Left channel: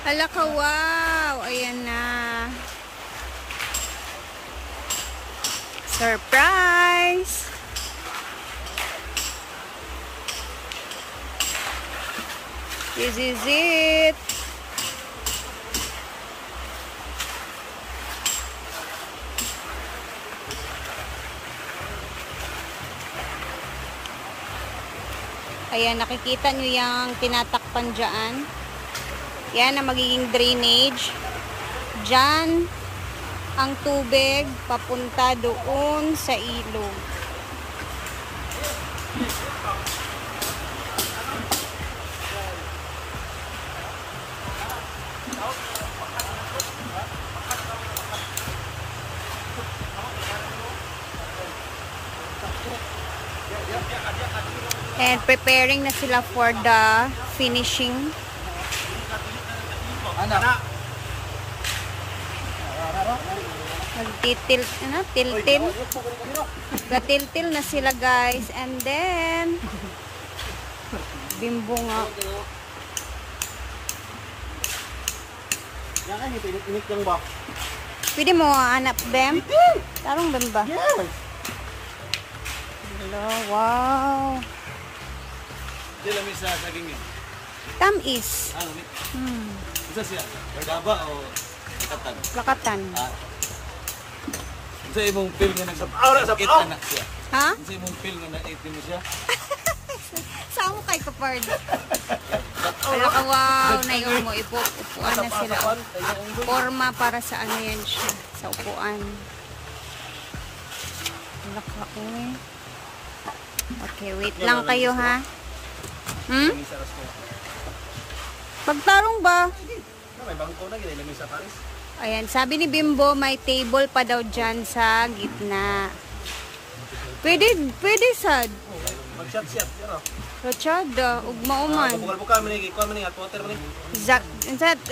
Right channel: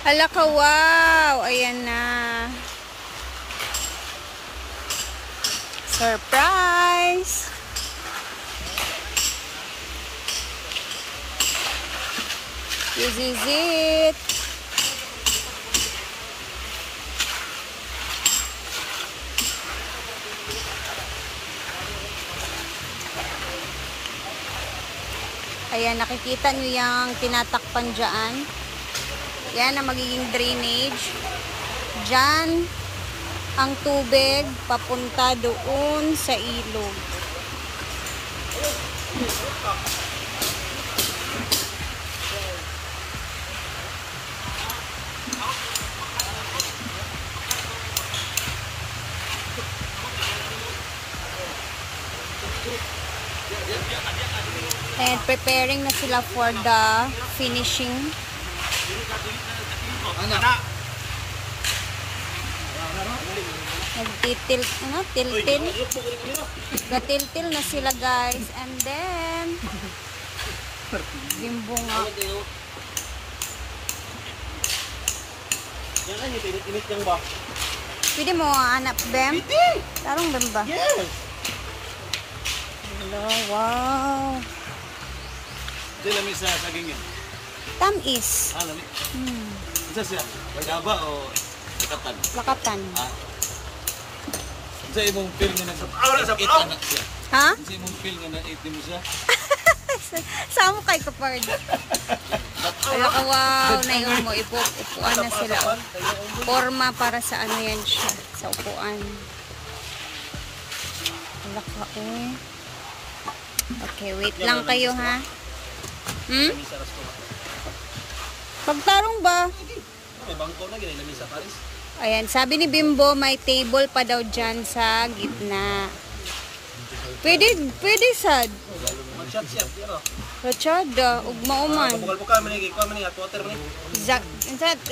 Hala ka, wow! Ayan na. Surprise! This is it. Ayan, nakikita nyo yung tinatakpan dyan. Yan ang magiging drainage. Dyan ang tubig papunta doon sa ilog. And preparing na sila for the finishing. Magtitil, tiltil. Gatiltil na sila, guys. And then Bimbo nga. Pwede mo hanap them? Tarong them ba? Hello, wow. Tamis. Isa siya, Bagaba o Lakatan? Lakatan. Isa imong film nga sa anak siya. Ha? Isa imong film nga na-80 mo siya. Saan mo kay kapard? Wala ka, wow. Nayon mo, upuan na sila. Oh. Forma para sa ano yan siya. Sa upuan. Wala ka, uy. Okay, wait lang kayo, ha? Pagtarong ba? May bangko na ginailamin sa Paris. Ayan, sabi ni Bimbo, may table pa daw dyan sa gitna. Pwede sad. Mag-shot-shot, yun o. Rachada, ugma-uman. Buka mo ni, kuha mo ni, water mo ni.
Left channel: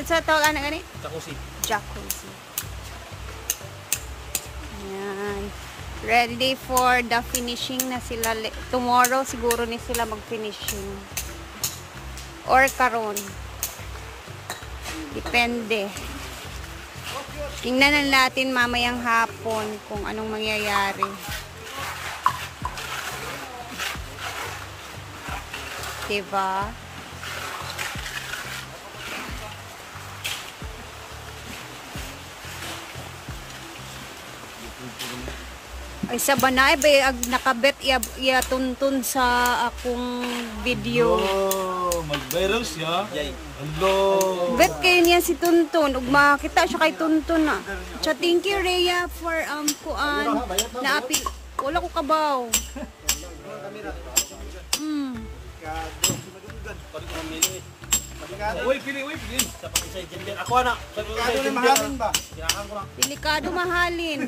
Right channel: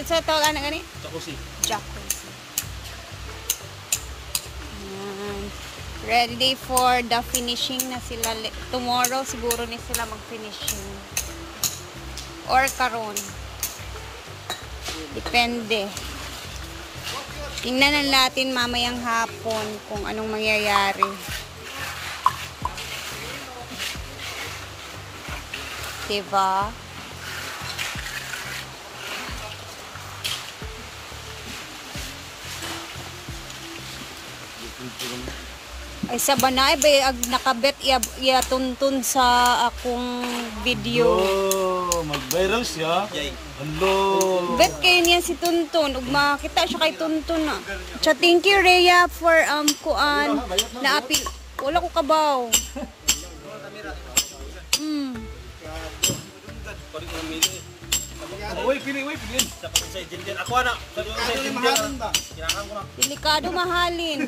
Sa tawag anak gani? Jacuzzi. Jacuzzi. Ayan. Ready for the finishing na sila. Tomorrow siguro ni sila mag-finishing. Or karon. Depende. Tingnan na natin mamayang hapon kung anong mangyayari. Diba? Ay sa banay ba nakabet iya tuntun sa akong video. Oh, mag-viral siya. Hello. Bet kayo niya si Tuntun ug makita siya kay Tuntun na. Cha thank you Rhea for kuan na apil. Wala ko kabaw. Uy, pili. Ako na. Delikado mahalin ba? Delikado mahalin.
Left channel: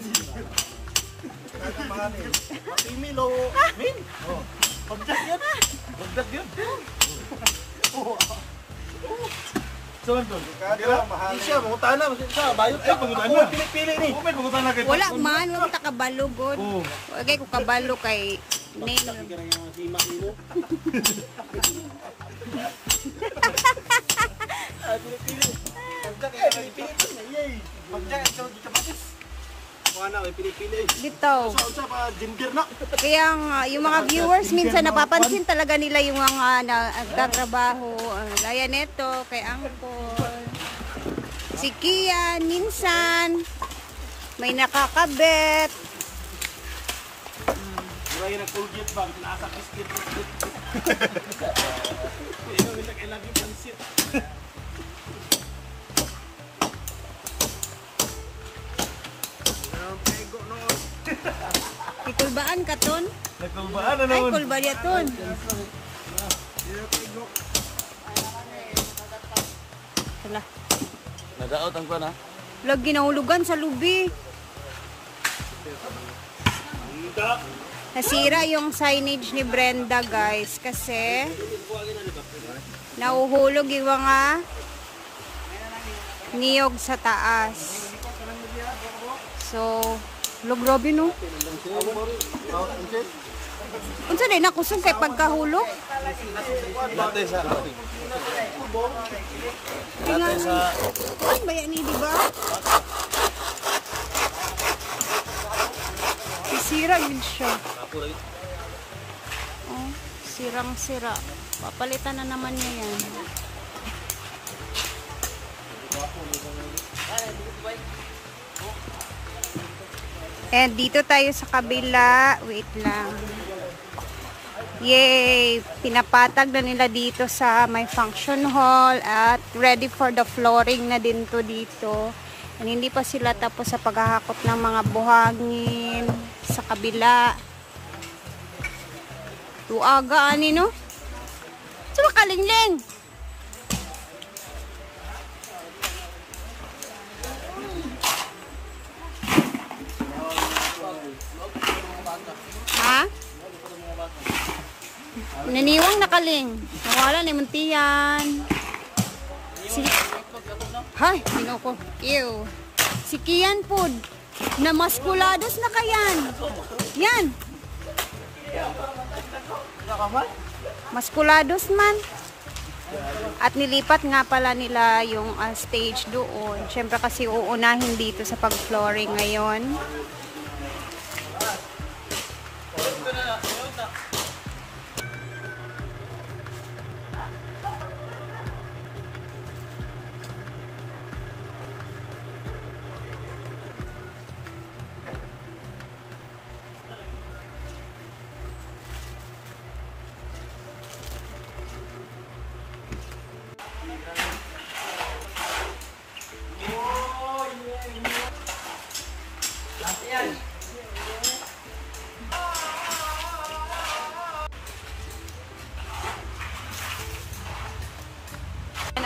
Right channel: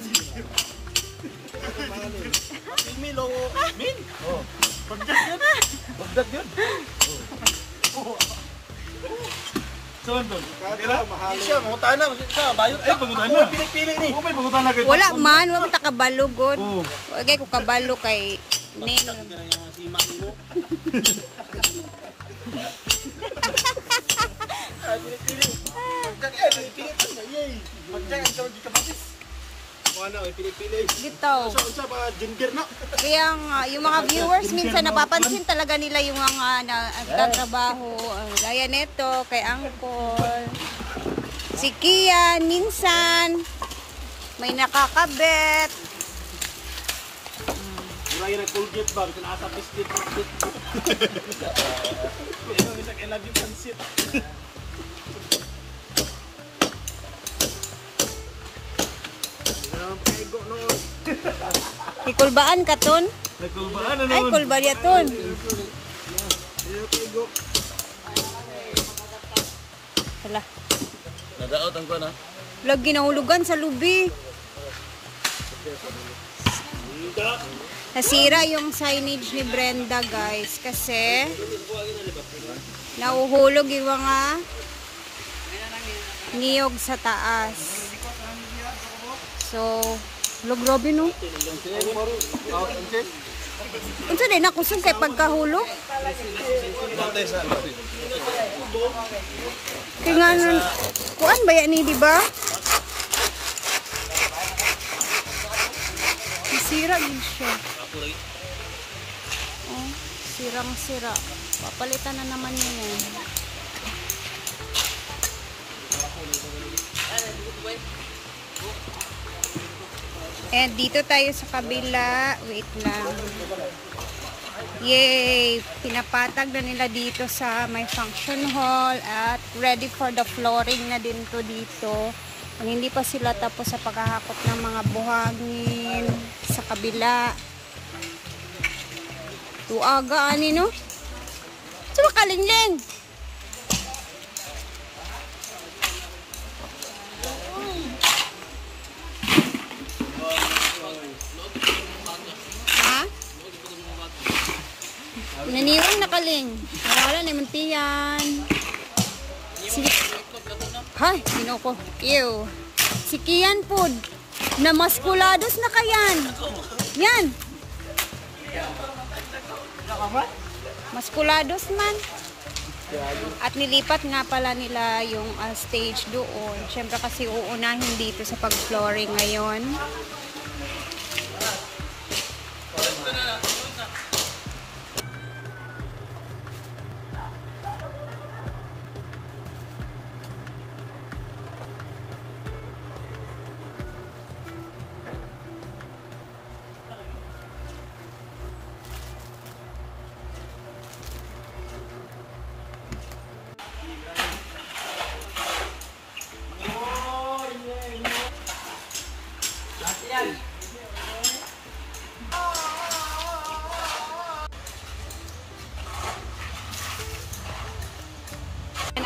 Milo. Min? Oh. Pagdat yun. So, Anton. Siya, pangutaan na. Ay, pangutaan na. Pili ni. Okay, pangutaan na. Wala man, wala man takabalo god. Okay, ko kabalo kay Nino. Dito. Kaya yung mga viewers minsan napapansin talaga nila yung mga nagtatrabaho. Gaya neto kay Angkol. Si Kian minsan may nakakabet. Murag na Colgate bang tinasa biscuit. I love you pansit. Ikulbaan ka ton? Nagkulbaan na Ay, kulba niya ton. Hala. Nadaot ang ko na. Lagi nahulugan sa lubi. Nasira yung signage ni Brenda, guys. Kasi nauhulog yung mga niyog sa taas. So, grabe no? Unsa din ako kay pagkahulog? Latte sa Kaya nga nun, kuan ba yan di ba? Sira yun siya. Oh, sirang-sira. Papalitan na naman niya yan. And dito tayo sa kabila. Wait lang. Yay! Pinapatag na nila dito sa may function hall at ready for the flooring na din to dito. And hindi pa sila tapos sa paghahakot ng mga buhangin sa kabila. Tuaga ani no? Suma kalingling! Ha? Naniwang nakaling. Nawala ni Muntiyan. Si Hay, sino ko? Ew. Si Kian Food. Na maskulados na kayan. Yan. Maskulados man. At nilipat nga pala nila yung stage doon. Siyempre kasi uunahin dito sa pag-flooring ngayon.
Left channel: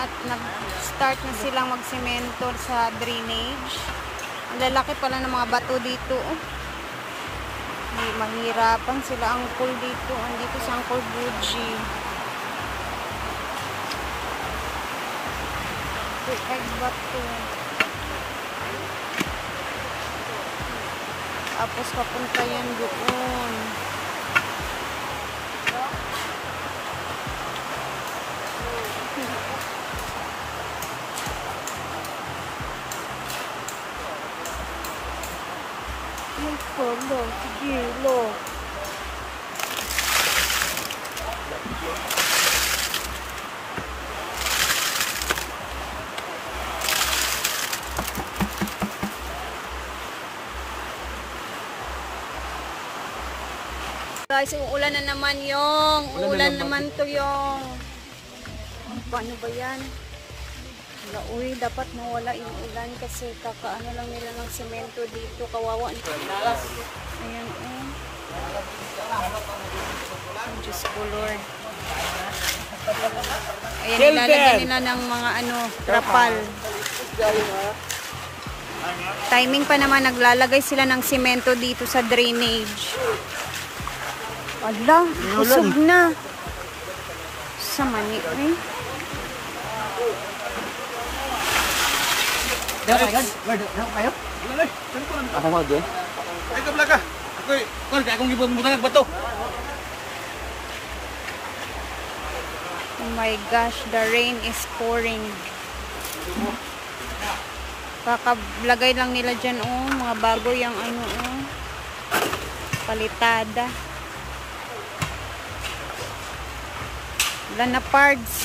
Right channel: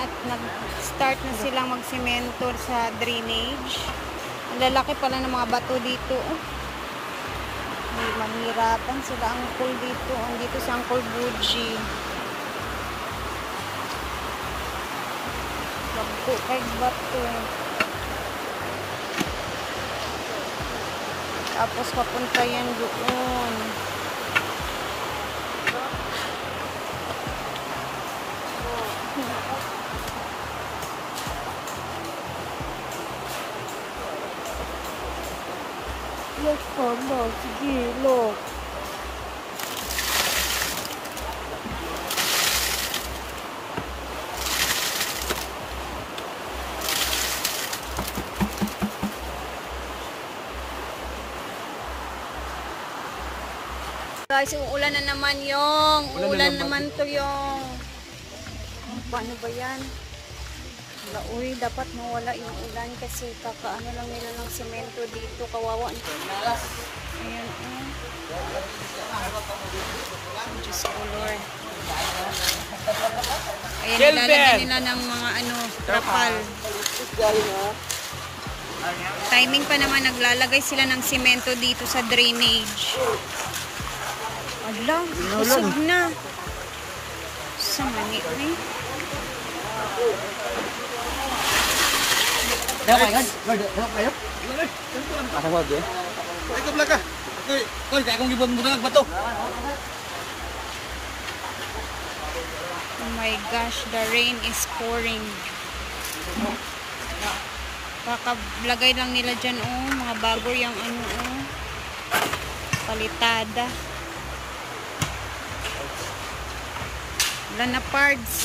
At nag-start na silang magsemento sa drainage. Ang lalaki pala ng mga bato dito. May mahirapan sila Uncle dito. Andito si Uncle Buji. Lagpo kay bato. Tapos papunta yan doon. Yes, homo. Sige, look. Guys, uulan na naman yung. Uulan naman to yung. Paano ba yan? Uy, dapat nawala yung ulan kasi kakaano lang nila ng semento dito. Kawawa. Ayan, oh. Diyos ko, Lord. Ayan, nilalagyan nila ng mga ano, trapal. Timing pa naman, naglalagay sila ng semento dito sa drainage. Ala, usog na. Sa mani, eh. Daw kayo? Daw kayo? Ako mo din. Ito blaga. Ako kaya kung gibon mo nang bato. Oh my gosh, the rain is pouring. Kakablagay lang nila dyan, oh. Mga bago yung ano, oh. Palitada. Wala na parts.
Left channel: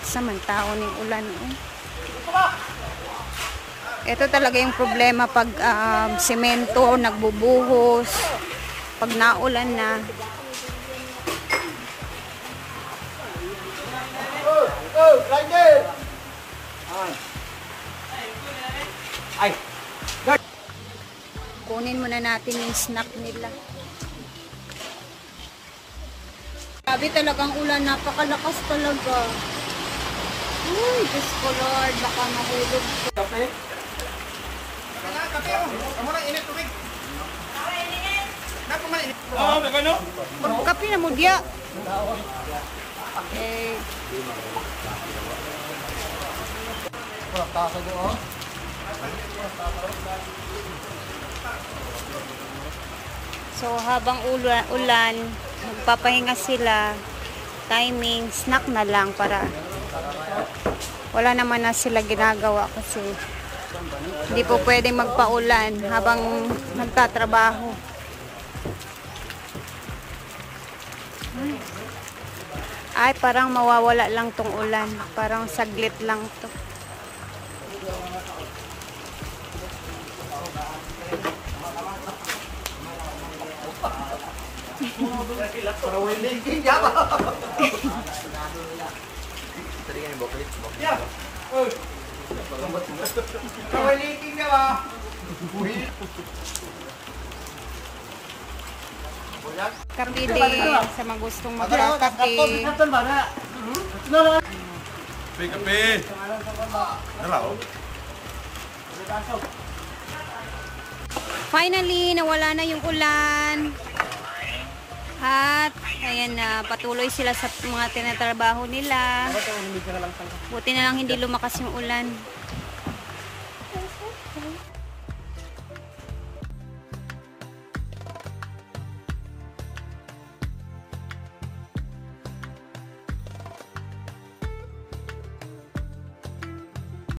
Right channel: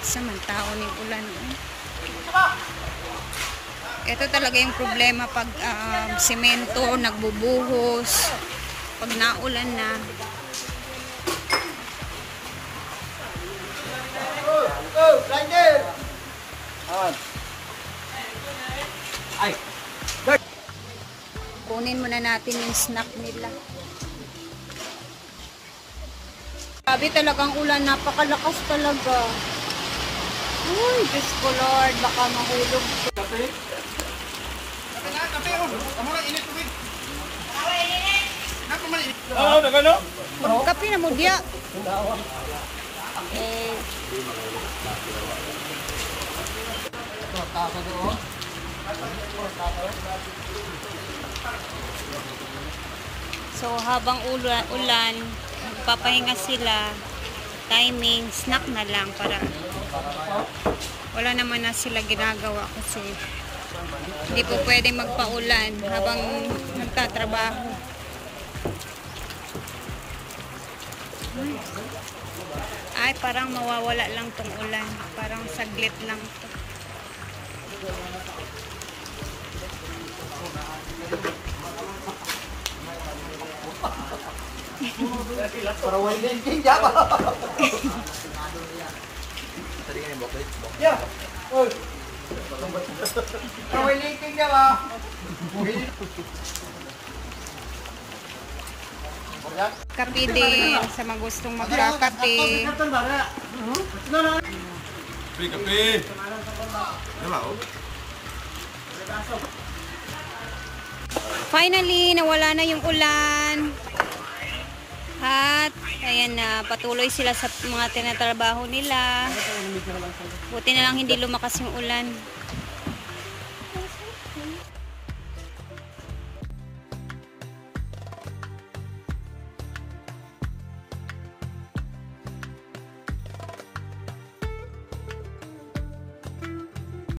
Samantao ng ulan. Ito talaga yung problema pag semento nagbubuhos pag naulan na. Ay. Kunin muna natin yung snack nila. Sabi talagang ulan, napakalakas talaga. Uy, Diyos ko Lord, baka mahulog. Kape? Kape, oh. Kamu na init tubig. Napa man init? Oo, nagano? Magkape na mo diya. Okay. Tasa doon. So, habang ulan, magpapahinga sila. Timing, snack na lang para wala naman na sila ginagawa kasi hindi po pwedeng magpaulan habang nagtatrabaho. Ay, parang mawawala lang tong ulan. Parang saglit lang to. Para winding king ya. Tadi kan yang bokeh. Ya. Oi. Para winding king ya, Pak. Kape din sa mga gustong magkakape. Kape. Hello. Finally, nawala na yung ulan. At, ayan na, patuloy sila sa mga tinatrabaho nila. Buti na lang hindi lumakas yung ulan.